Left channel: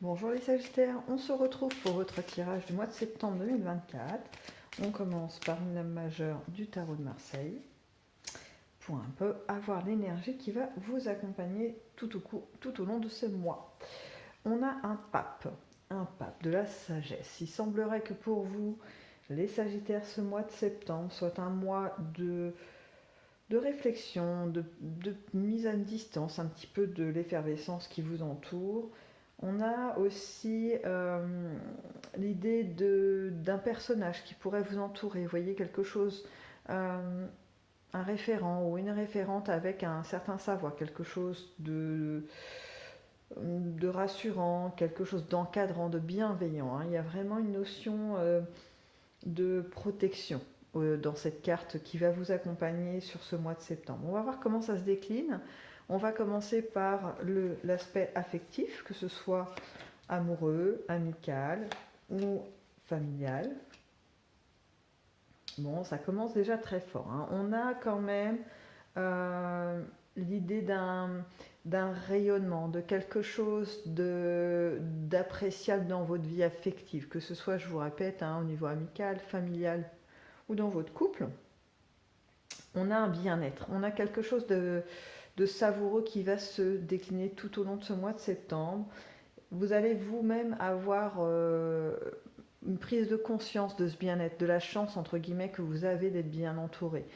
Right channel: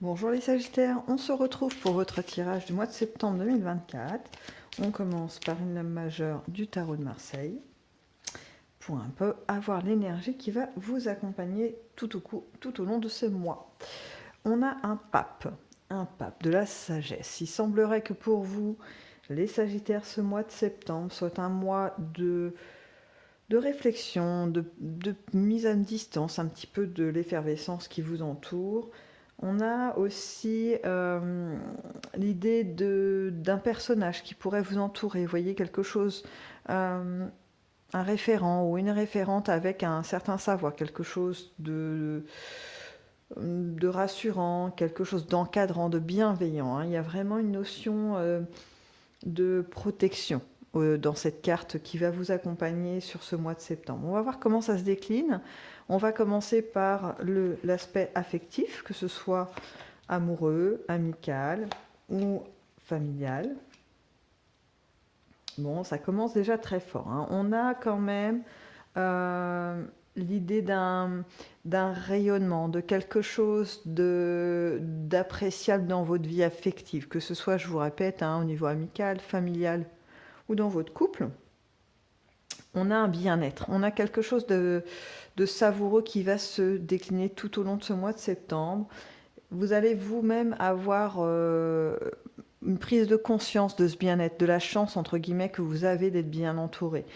Bonjour les Sagittaires, on se retrouve pour votre tirage du mois de septembre 2024. On commence par une lame majeure du tarot de Marseille pour un peu avoir l'énergie qui va vous accompagner tout au long de ce mois. On a un pape de la sagesse. Il semblerait que pour vous, les Sagittaires, ce mois de septembre soit un mois de réflexion, de mise à distance un petit peu de l'effervescence qui vous entoure. On a aussi l'idée d'un personnage qui pourrait vous entourer. Vous voyez quelque chose, un référent ou une référente avec un certain savoir, quelque chose de rassurant, quelque chose d'encadrant, de bienveillant. Il y a vraiment une notion de protection dans cette carte qui va vous accompagner sur ce mois de septembre. On va voir comment ça se décline. On va commencer par l'aspect affectif, que ce soit amoureux, amical ou familial. Bon, ça commence déjà très fort. On a quand même l'idée d'un rayonnement, de quelque chose d'appréciable dans votre vie affective, que ce soit, je vous répète, au niveau amical, familial ou dans votre couple. On a un bien-être, on a quelque chose de savoureux qui va se décliner tout au long de ce mois de septembre. Vous allez vous-même avoir une prise de conscience de ce bien-être, de la chance entre guillemets que vous avez d'être bien entouré.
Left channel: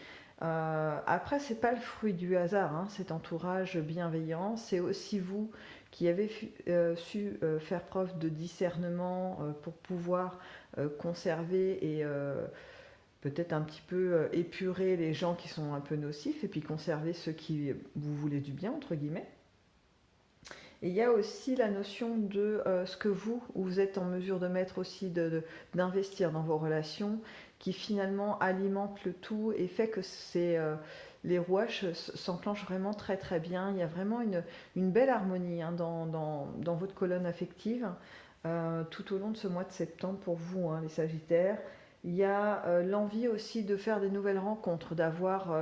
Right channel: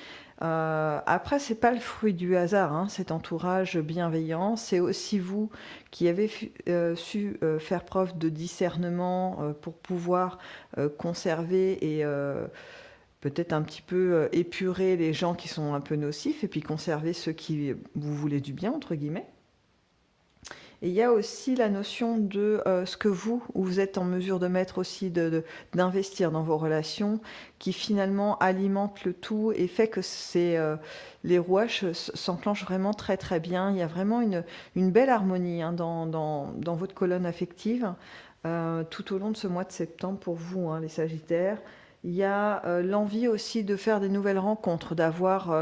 Après, c'est pas le fruit du hasard, cet entourage bienveillant. C'est aussi vous qui avez su faire preuve de discernement pour pouvoir conserver et peut-être un petit peu épurer les gens qui sont un peu nocifs et puis conserver ceux qui vous voulez du bien, entre guillemets. Et il y a aussi la notion de ce que vous êtes en mesure de mettre aussi, d'investir dans vos relations, qui finalement alimente le tout et fait que les rouages s'enclenchent vraiment très très bien. Il y a vraiment une belle harmonie dans votre colonne affective tout au long de ce mois de septembre pour vous, les Sagittaires. Il y a l'envie aussi de faire des nouvelles rencontres, d'avoir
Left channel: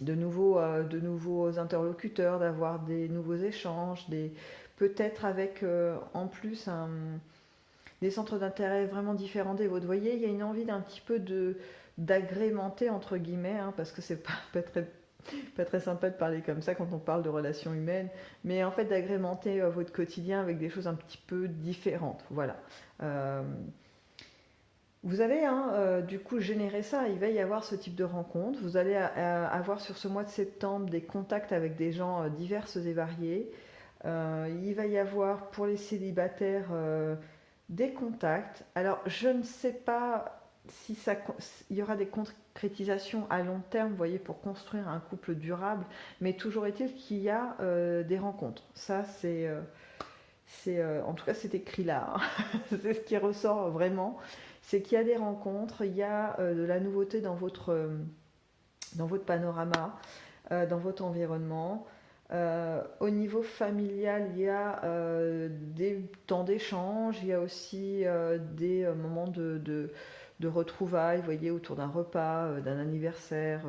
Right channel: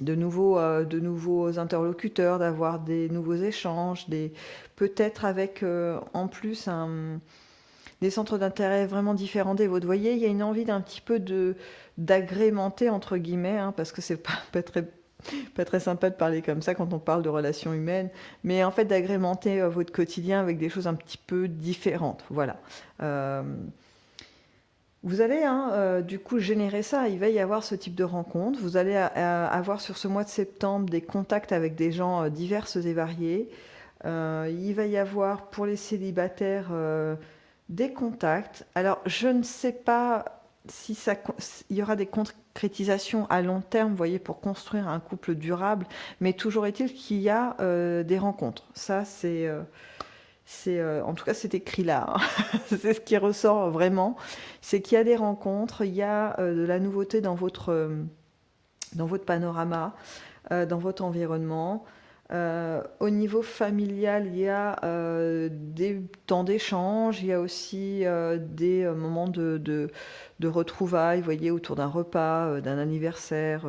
de nouveaux interlocuteurs, d'avoir des nouveaux échanges, peut-être avec en plus des centres d'intérêt vraiment différents des vôtres. Vous voyez, il y a une envie d'un petit peu d'agrémenter, entre guillemets, parce que c'est pas très sympa de parler comme ça quand on parle de relations humaines, mais en fait d'agrémenter votre quotidien avec des choses un petit peu différentes. Voilà. Vous allez du coup générer ça, il va y avoir ce type de rencontre, vous allez avoir sur ce mois de septembre des contacts avec des gens divers et variés, il va y avoir pour les célibataires des contacts. Alors je ne sais pas si il y aura des concrétisations à long terme, vous voyez, pour construire un couple durable, mais toujours est-il qu'il y a des rencontres. Ça en tout cas, c'est écrit là. C'est ce qui ressort vraiment. C'est qu'il y a des rencontres, il y a de la nouveauté dans votre panorama, dans votre environnement. Au niveau familial, il y a des temps d'échange, il y a aussi des moments de retrouvailles, vous voyez, autour d'un repas, d'un anniversaire.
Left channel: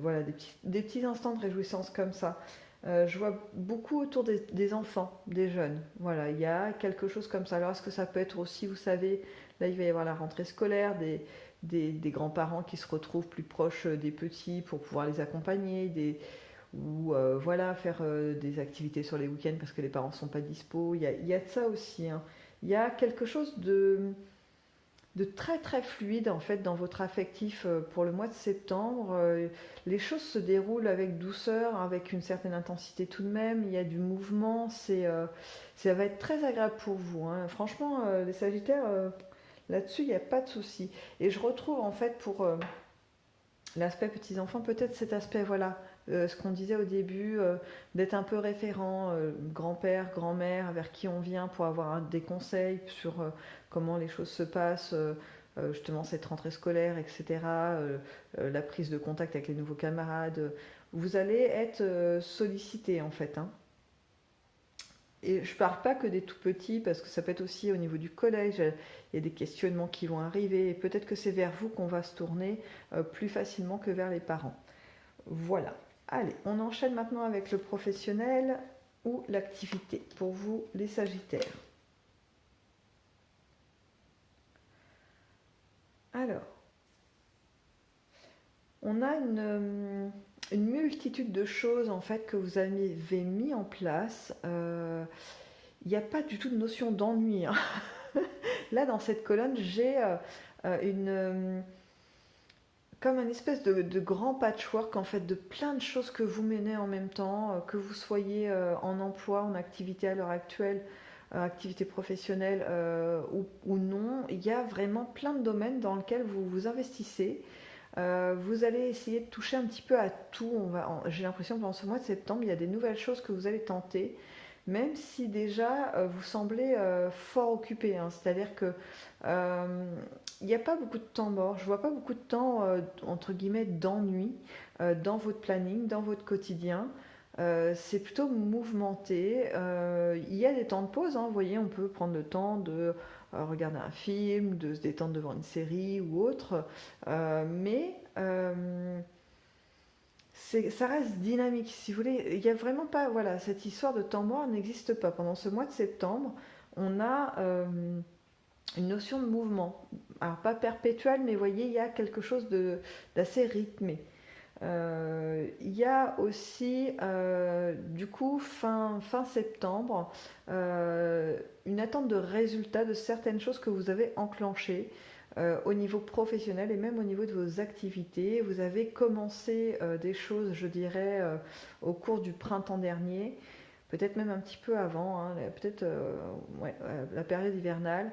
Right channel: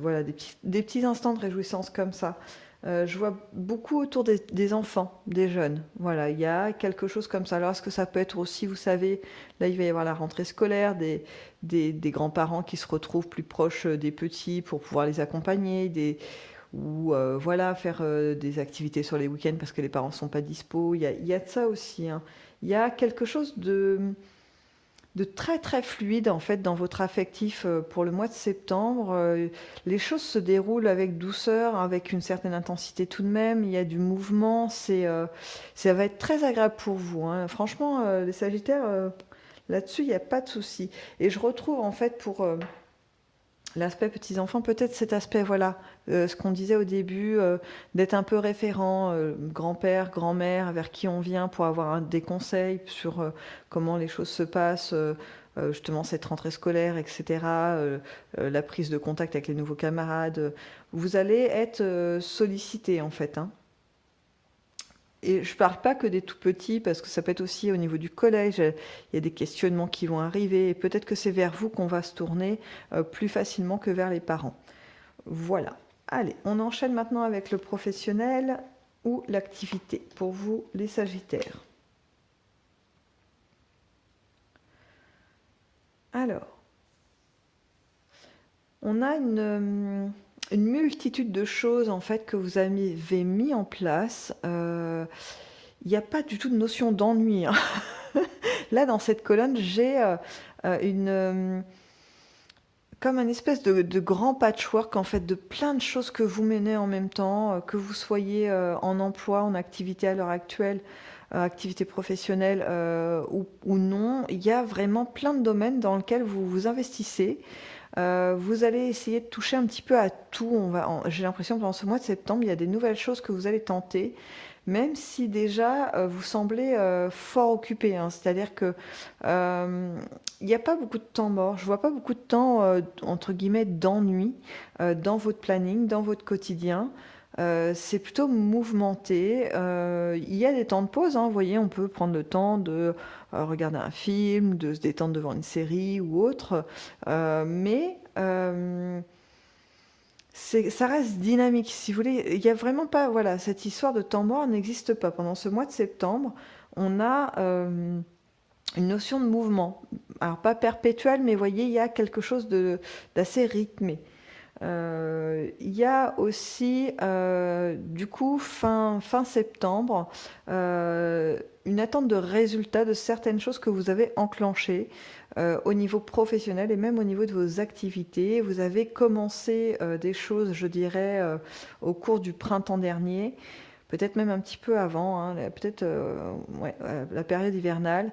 Voilà, des petits instants de réjouissance comme ça. Je vois beaucoup autour des enfants, des jeunes. Voilà, il y a quelque chose comme ça. Alors, est-ce que ça peut être aussi, vous savez, là, il va y avoir la rentrée scolaire, des grands-parents qui se retrouvent plus proches des petits pour pouvoir les accompagner, ou voilà, faire des activités sur les week-ends parce que les parents ne sont pas dispo. Il y a de ça aussi. Il y a quelque chose de très très fluide en fait dans votre affectif pour le mois de septembre. Les choses se déroulent avec douceur, avec une certaine intensité tout de même. Il y a du mouvement, ça va être très agréable pour vous. Franchement, les Sagittaires, là-dessus, il n'y a pas de souci. Et je retrouve en fait pour l'aspect petits-enfants, peut-être cet aspect, voilà, ce qu'on disait au début, d'être un peu référent, grand-père, grand-mère, vers qui on vient pour avoir des conseils sur comment les choses se passent, justement cette rentrée scolaire, etc., la prise de contact avec les nouveaux camarades. Vous allez être sollicité en fait. Et je ne parle pas que des tout petits, parce que ça peut être aussi au niveau du collège, il y a des questionnements qui vont arriver, et peut-être que c'est vers vous qu'on va se tourner plus facilement que vers les parents. Voilà. Allez, on enchaîne maintenant avec le professionnel. ou l'activité pour vous, les Sagittaires. Alors, on a une multitude de choses en fait que vous avez mis en place. Il n'y a pas du tout de notion d'ennui, hein. Là, dans cette colonne, j'ai comme un espèce de grand patchwork en fait de plein de choses que vous menez en même temps, que vous soyez en emploi, en activité à l'heure actuelle, activité professionnelle ou non. Il y a vraiment plein de domaines dans lesquels vous vous investissez. Vous allez essayer de toucher un petit peu à tout. J'ai l'impression que pendant ce mois de septembre, il y a des nouvelles choses que vous allez tenter, même si déjà vous semblez fort occupé, hein. C'est-à-dire que il n'y a pas beaucoup de temps mort. Je vois pas beaucoup de temps entre guillemets d'ennui dans votre planning, dans votre quotidien. C'est plutôt mouvementé. Il y a des temps de pause, hein. Vous voyez, on peut prendre le temps de regarder un film, de se détendre devant une série ou autre. Mais ça reste dynamique, si vous voulez. Il n'y a vraiment pas, voilà, cette histoire de temps mort n'existe pas. Pendant ce mois de septembre, on a une notion de mouvement. Alors pas perpétuel, mais vous voyez, il y a quelque chose d'assez rythmé. Il y a aussi, du coup, fin septembre, une attente de résultats de certaines choses que vous avez enclenchées au niveau professionnel et même au niveau de vos activités. Vous avez commencé des choses, je dirais, au cours du printemps dernier, peut-être même un petit peu avant, hein, peut-être ouais, la période hivernale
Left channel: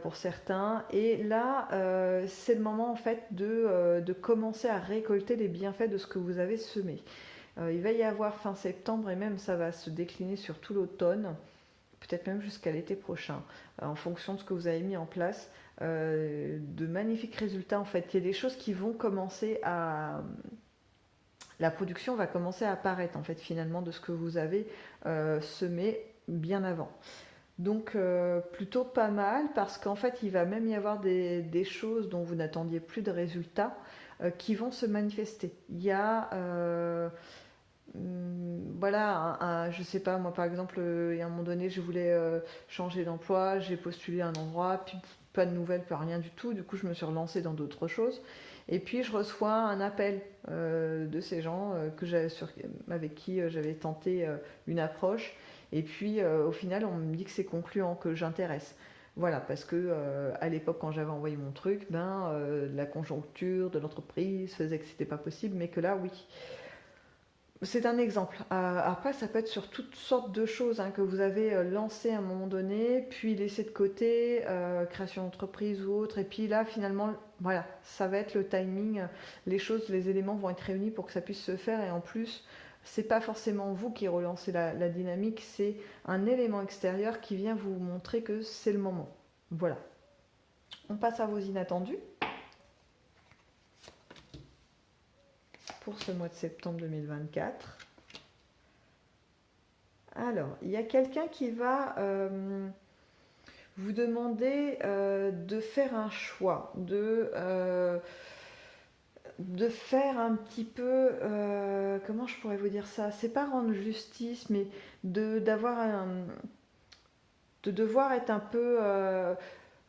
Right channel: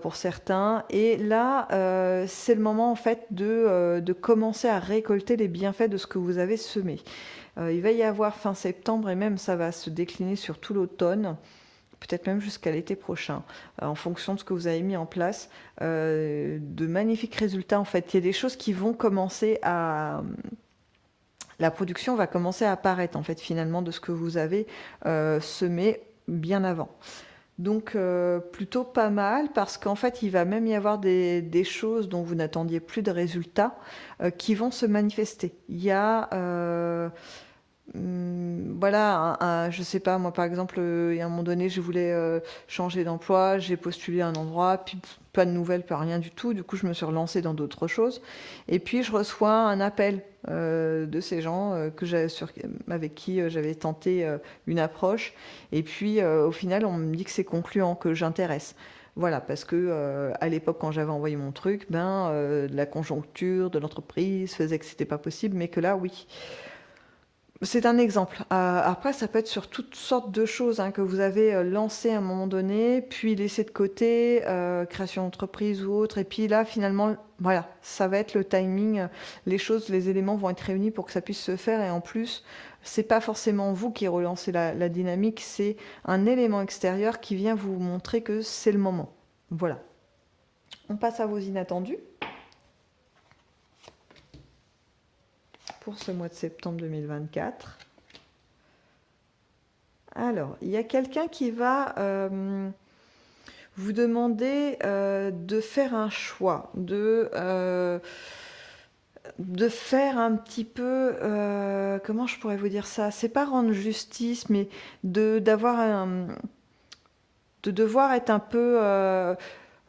pour certains. Et là, c'est le moment en fait de commencer à récolter les bienfaits de ce que vous avez semé. Il va y avoir fin septembre et même ça va se décliner sur tout l'automne, peut-être même jusqu'à l'été prochain, en fonction de ce que vous avez mis en place, de magnifiques résultats en fait. Il y a des choses qui vont commencer à... La production va commencer à apparaître en fait finalement de ce que vous avez semé bien avant. Donc plutôt pas mal parce qu'en fait il va même y avoir des choses dont vous n'attendiez plus de résultats qui vont se manifester. Il y a voilà, je sais pas, moi par exemple, il y a un moment donné, je voulais changer d'emploi, j'ai postulé à un endroit, puis pas de nouvelles, pas rien du tout. Du coup, je me suis relancée dans d'autres choses. Et puis, je reçois un appel de ces gens avec qui j'avais tenté une approche. Et puis, au final, on me dit que c'est concluant, que j'intéresse. Voilà, parce que à l'époque, quand j'avais envoyé mon truc, la conjoncture de l'entreprise faisait que c'était pas possible, mais que là, oui. C'est un exemple. Après, ça peut être sur toutes sortes de choses hein, que vous avez lancées à un moment donné, puis laissées de côté, création d'entreprise ou autre. Et puis là, finalement, voilà, ça va être le timing. Les choses, les éléments vont être réunis pour que ça puisse se faire. Et en plus, c'est pas forcément vous qui relancez la dynamique, c'est un élément extérieur qui vient vous montrer que c'est le moment. Voilà. On passe à vos inattendus pour ce mois de septembre 2024. Alors, il y a quelqu'un qui va vous demander de faire un choix, de faire un petit peu, comment je pourrais vous dire ça? C'est pas rendre justice, mais d'avoir de devoir être un peu,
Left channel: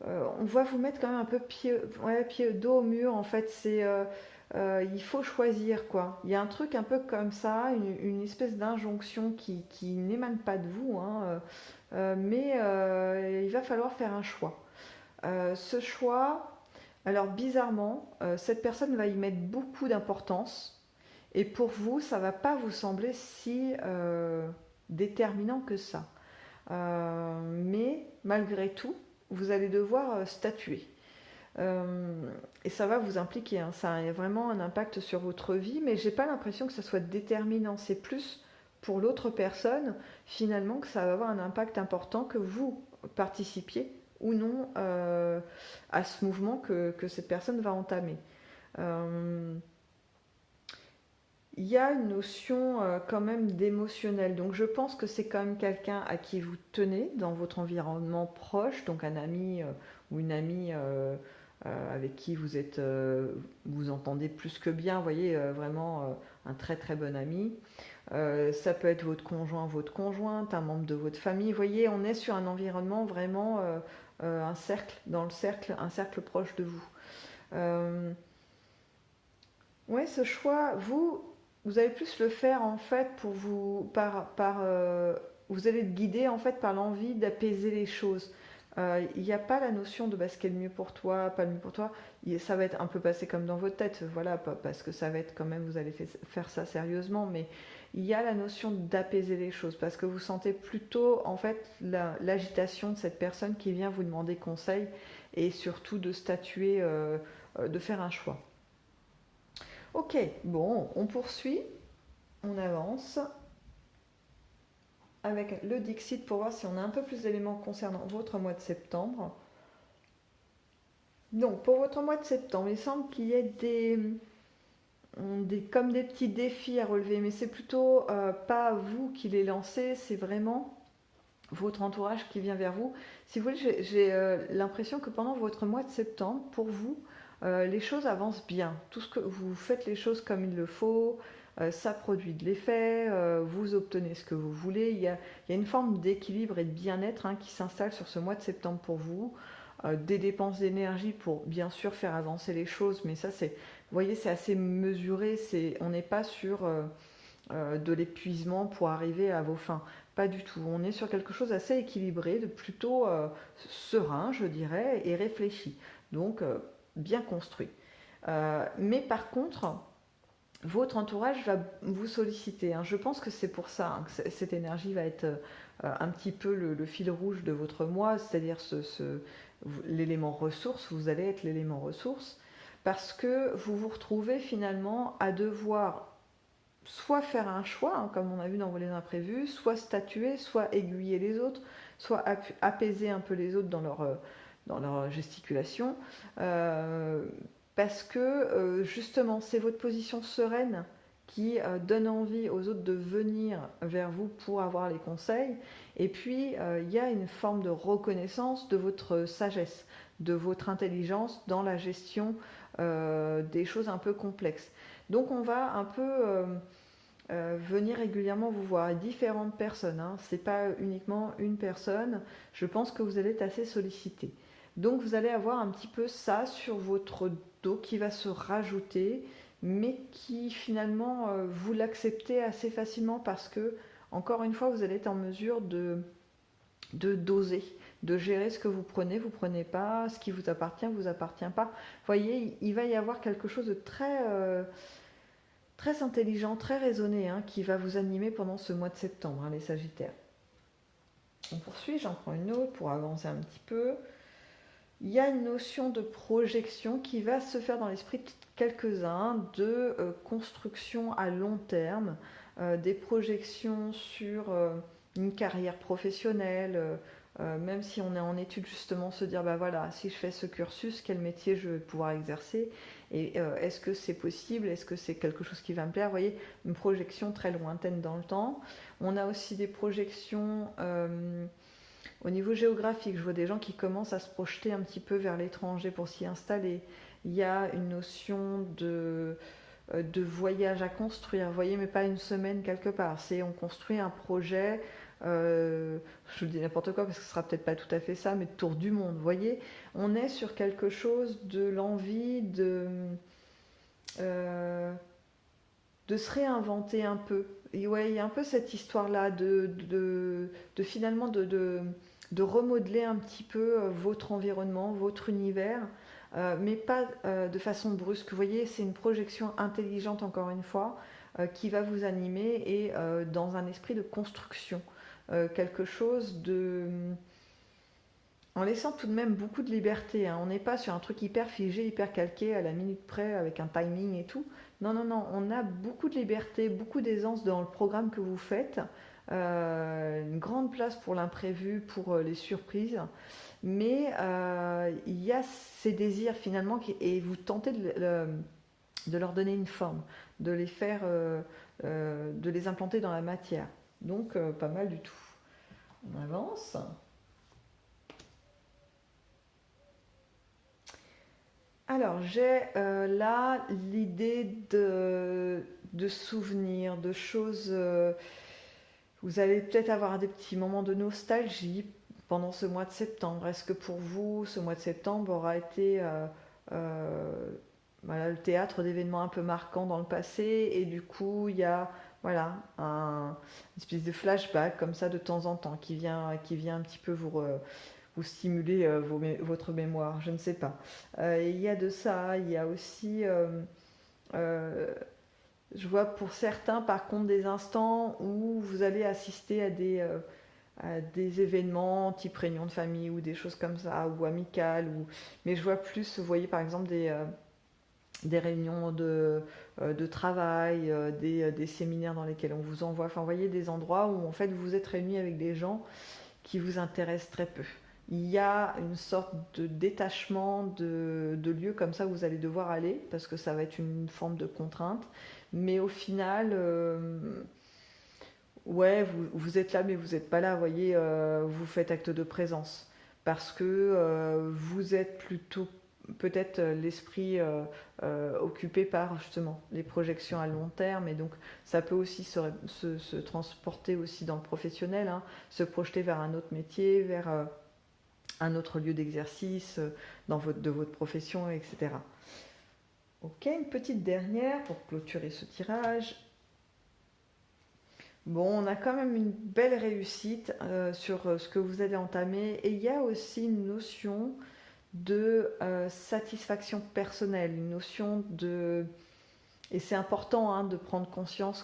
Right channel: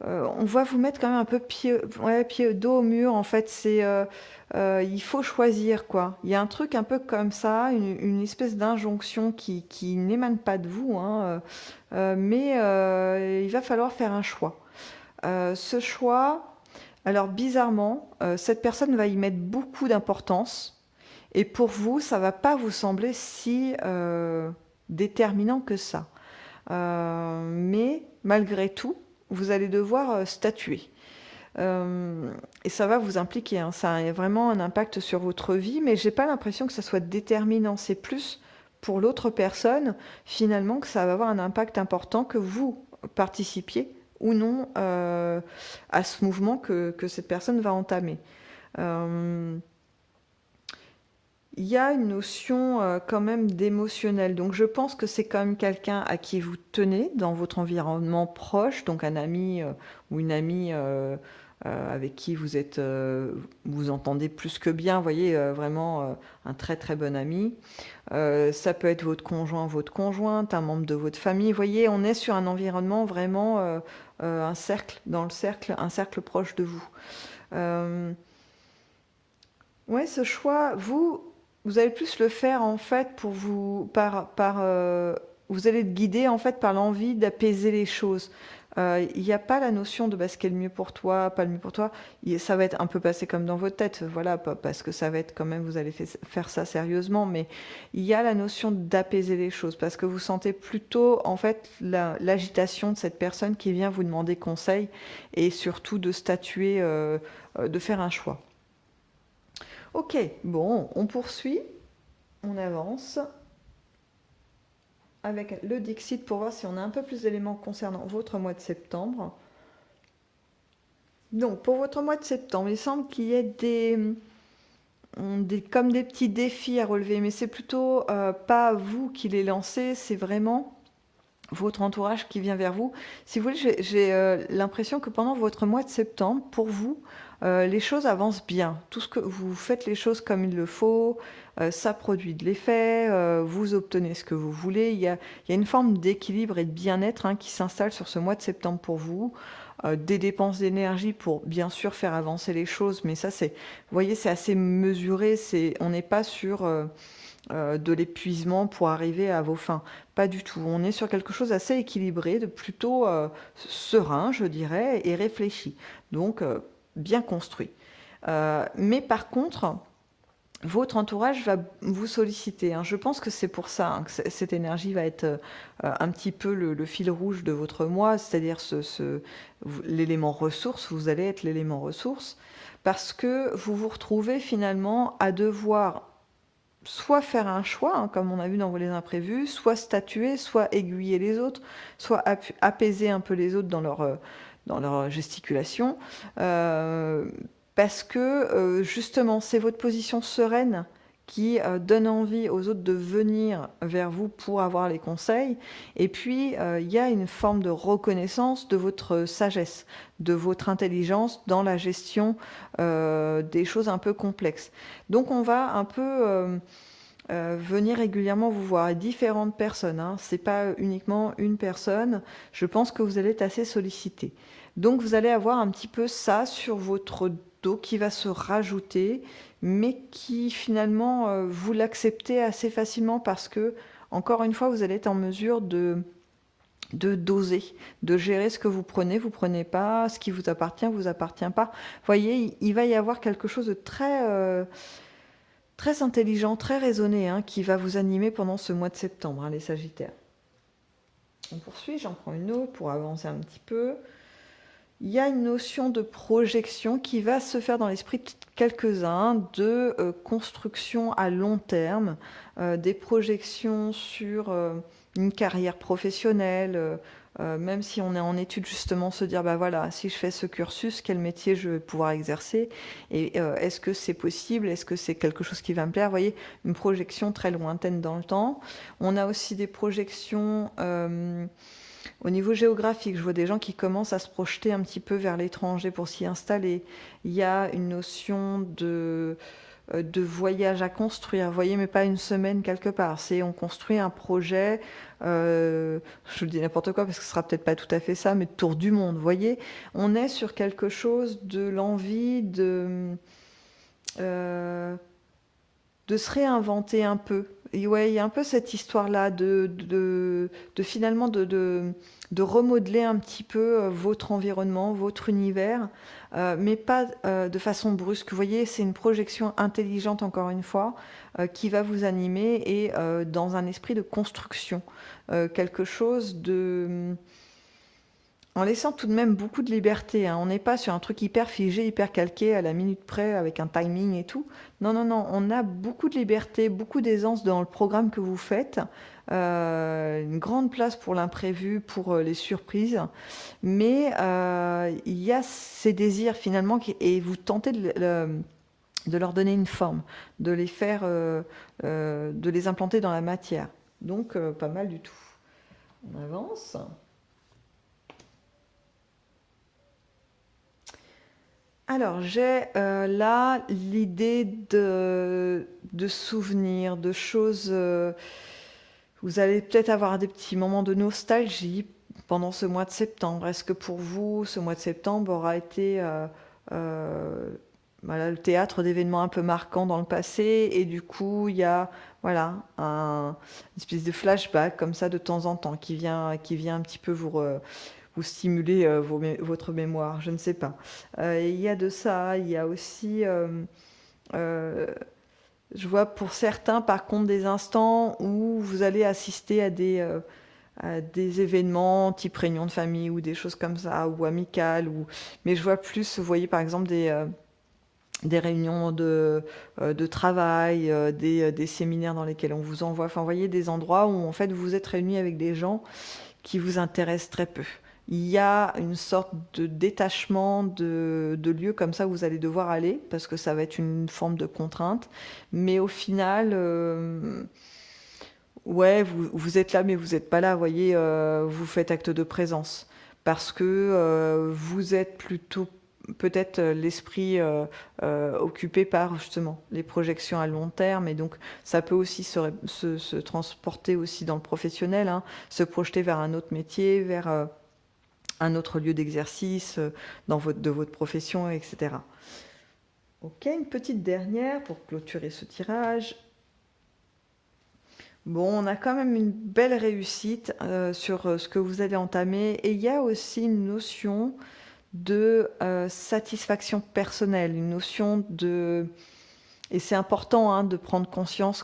on va vous mettre quand même un peu pied dos au mur. En fait, il faut choisir quoi. Il y a un truc un peu comme ça, une espèce d'injonction qui n'émane pas de vous, hein, mais il va falloir faire un choix. Ce choix, alors bizarrement, cette personne va y mettre beaucoup d'importance, et pour vous, ça va pas vous sembler si déterminant que ça. Mais malgré tout, vous allez devoir statuer. Et ça va vous impliquer, hein. Ça a vraiment un impact sur votre vie, mais j'ai pas l'impression que ça soit déterminant. C'est plus pour l'autre personne, finalement, que ça va avoir un impact important, que vous participiez ou non à ce mouvement que cette personne va entamer. Euh, il y a une notion quand même d'émotionnel. Donc je pense que c'est quand même quelqu'un à qui vous tenez dans votre environnement proche, donc un ami ou une amie avec qui vous entendez plus que bien, vous voyez, vraiment un très très bon ami. Ça peut être votre conjoint, votre conjointe, un membre de votre famille. Vous voyez, on est sur un environnement vraiment, un cercle, dans le cercle, un cercle proche de vous. Euh, ouais, ce choix, vous allez plus le faire en fait pour vous, vous allez être guidé en fait par l'envie d'apaiser les choses. Il n'y a pas la notion de bah, ce qui est le mieux pour toi, pas le mieux pour toi. Ça va être un peu passé comme dans votre tête, voilà, parce que ça va être quand même, vous allez faire ça sérieusement, mais il y a la notion d'apaiser les choses parce que vous sentez plutôt en fait l'agitation de cette personne qui vient vous demander conseil et surtout de statuer, de faire un choix. Ok, bon, on poursuit, on avance avec le Dixit pour voir si on a un peu plus d'éléments concernant votre mois de septembre. Donc, pour votre mois de septembre, il semble qu'il y ait comme des petits défis à relever, mais c'est plutôt pas vous qui les lancez, c'est vraiment votre entourage qui vient vers vous. Si vous voulez, j'ai l'impression que pendant votre mois de septembre, pour vous, les choses avancent bien. Tout ce que vous faites les choses comme il le faut, ça produit de l'effet, vous obtenez ce que vous voulez. Il y a une forme d'équilibre et de bien-être hein, qui s'installe sur ce mois de septembre pour vous. Des dépenses d'énergie pour bien sûr faire avancer les choses, mais ça c'est, vous voyez, c'est assez mesuré. On n'est pas sur de l'épuisement pour arriver à vos fins. Pas du tout. On est sur quelque chose d'assez équilibré, de plutôt serein, je dirais, et réfléchi. Donc, bien construit. Mais par contre, votre entourage va vous solliciter. Hein. Je pense que c'est pour ça hein, que cette énergie va être un petit peu le fil rouge de votre mois, c'est-à-dire l'élément ressource. Vous allez être l'élément ressource parce que vous vous retrouvez finalement à devoir soit faire un choix, hein, comme on a vu dans les imprévus, soit statuer, soit aiguiller les autres, soit apaiser un peu les autres dans leur gesticulation. Euh, Parce que justement, c'est votre position sereine qui donne envie aux autres de venir vers vous pour avoir les conseils. Et puis, il y a une forme de reconnaissance de votre sagesse, de votre intelligence dans la gestion des choses un peu complexes. Donc, on va un peu venir régulièrement vous voir, différentes personnes. Hein. Ce n'est pas uniquement une personne. Je pense que vous allez être assez sollicité. Donc, vous allez avoir un petit peu ça sur votre dos qui va se rajouter, mais qui finalement, vous l'acceptez assez facilement parce que, encore une fois, vous allez être en mesure de doser, de gérer ce que vous prenez pas, ce qui vous appartient pas. Vous voyez, il va y avoir quelque chose de très intelligent, très raisonné, hein, qui va vous animer pendant ce mois de septembre, hein, les Sagittaires. On poursuit, j'en prends une autre pour avancer un petit peu. Il y a une notion de projection qui va se faire dans l'esprit de quelques-uns, de construction à long terme, des projections sur une carrière professionnelle, même si on est en études justement, se dire, bah voilà, si je fais ce cursus, quel métier je vais pouvoir exercer et est-ce que c'est possible, est-ce que c'est quelque chose qui va me plaire, vous voyez, une projection très lointaine dans le temps. On a aussi des projections au niveau géographique, je vois des gens qui commencent à se projeter un petit peu vers l'étranger pour s'y installer. Il y a une notion de voyage à construire, vous voyez, mais pas une semaine quelque part. C'est on construit un projet, je vous dis n'importe quoi parce que ce sera peut-être pas tout à fait ça, mais de tour du monde, vous voyez. On est sur quelque chose de l'envie euh, de se réinventer un peu. Et ouais, il y a un peu cette histoire-là de finalement de remodeler un petit peu votre environnement, votre univers, mais pas de façon brusque. Vous voyez, c'est une projection intelligente, encore une fois, qui va vous animer et dans un esprit de construction. Quelque chose de en laissant tout de même beaucoup de liberté. Hein. On n'est pas sur un truc hyper figé, hyper calqué, à la minute près, avec un timing et tout. Non, non, non, on a beaucoup de liberté, beaucoup d'aisance dans le programme que vous faites. Une grande place pour l'imprévu, pour les surprises. Mais il y a ces désirs finalement, et vous tentez de leur donner une forme, de les faire, de les implanter dans la matière. Donc, pas mal du tout. On avance. Alors, j'ai là l'idée de souvenirs, de choses. Vous allez peut-être avoir des petits moments de nostalgie pendant ce mois de septembre. Est-ce que pour vous, ce mois de septembre aura été euh, voilà, le théâtre d'événements un peu marquants dans le passé et du coup, il y a voilà, une espèce de flashback comme ça de temps en temps qui vient un petit peu vous stimuler votre mémoire, je ne sais pas. Il y a de ça, il y a aussi, euh, je vois pour certains par contre des instants où vous allez assister à des événements type réunion de famille ou des choses comme ça, ou amicales, mais je vois plus, vous voyez par exemple des réunions de travail, des séminaires dans lesquels on vous envoie, enfin vous voyez des endroits où en fait vous êtes réunis avec des gens qui vous intéresse très peu. Il y a une sorte de détachement de lieux comme ça où vous allez devoir aller parce que ça va être une forme de contrainte. Mais au final, ouais, vous êtes là mais vous n'êtes pas là. Vous voyez, vous faites acte de présence parce que vous êtes plutôt peut-être l'esprit occupé par justement les projections à long terme et donc ça peut aussi se transporter aussi dans le professionnel, hein, se projeter vers un autre métier, vers un autre lieu d'exercice de votre profession, etc. Ok, une petite dernière pour clôturer ce tirage. Bon, on a quand même une belle réussite sur ce que vous allez entamer et il y a aussi une notion de satisfaction personnelle, une notion de... Et c'est important hein, de prendre conscience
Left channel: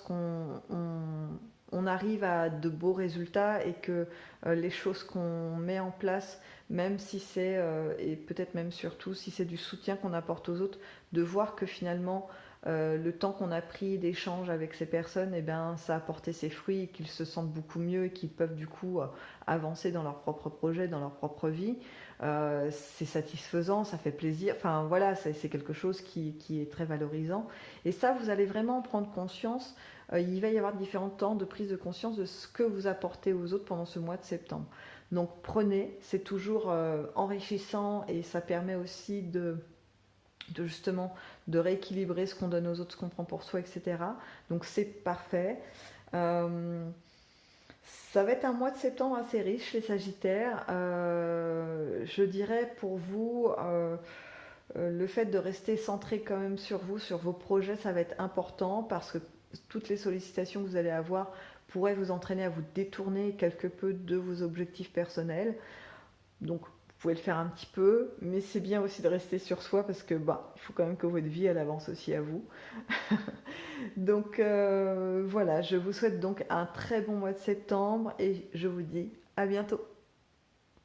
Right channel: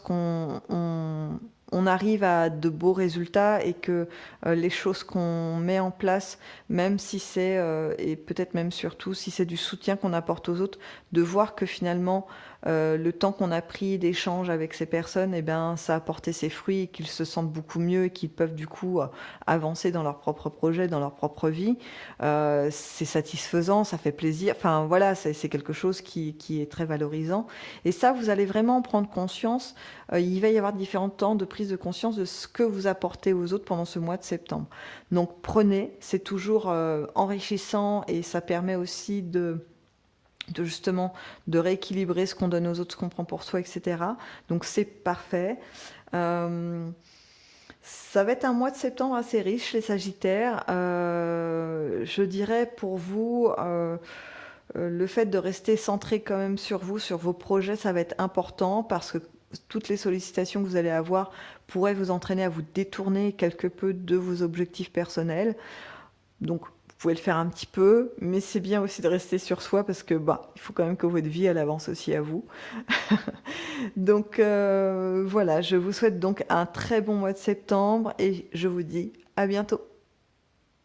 on arrive à de beaux résultats et que les choses qu'on met en place, même si c'est, et peut-être même surtout si c'est du soutien qu'on apporte aux autres, de voir que finalement le temps qu'on a pris d'échange avec ces personnes, eh ben, ça a porté ses fruits et qu'ils se sentent beaucoup mieux et qu'ils peuvent du coup avancer dans leur propre projet, dans leur propre vie. C'est satisfaisant, ça fait plaisir. Enfin voilà, c'est quelque chose qui est très valorisant. Et ça, vous allez vraiment en prendre conscience. Il va y avoir différents temps de prise de conscience de ce que vous apportez aux autres pendant ce mois de septembre. Donc prenez, c'est toujours enrichissant et ça permet aussi de justement de rééquilibrer ce qu'on donne aux autres, ce qu'on prend pour soi, etc. Donc c'est parfait. Ça va être un mois de septembre assez riche, les Sagittaires. Je dirais pour vous, le fait de rester centré quand même sur vous, sur vos projets, ça va être important parce que toutes les sollicitations que vous allez avoir pourraient vous entraîner à vous détourner quelque peu de vos objectifs personnels. Donc, vous pouvez le faire un petit peu, mais c'est bien aussi de rester sur soi parce que bah, il faut quand même que votre vie elle avance aussi à vous. Donc voilà, je vous souhaite donc un très bon mois de septembre et je vous dis à bientôt.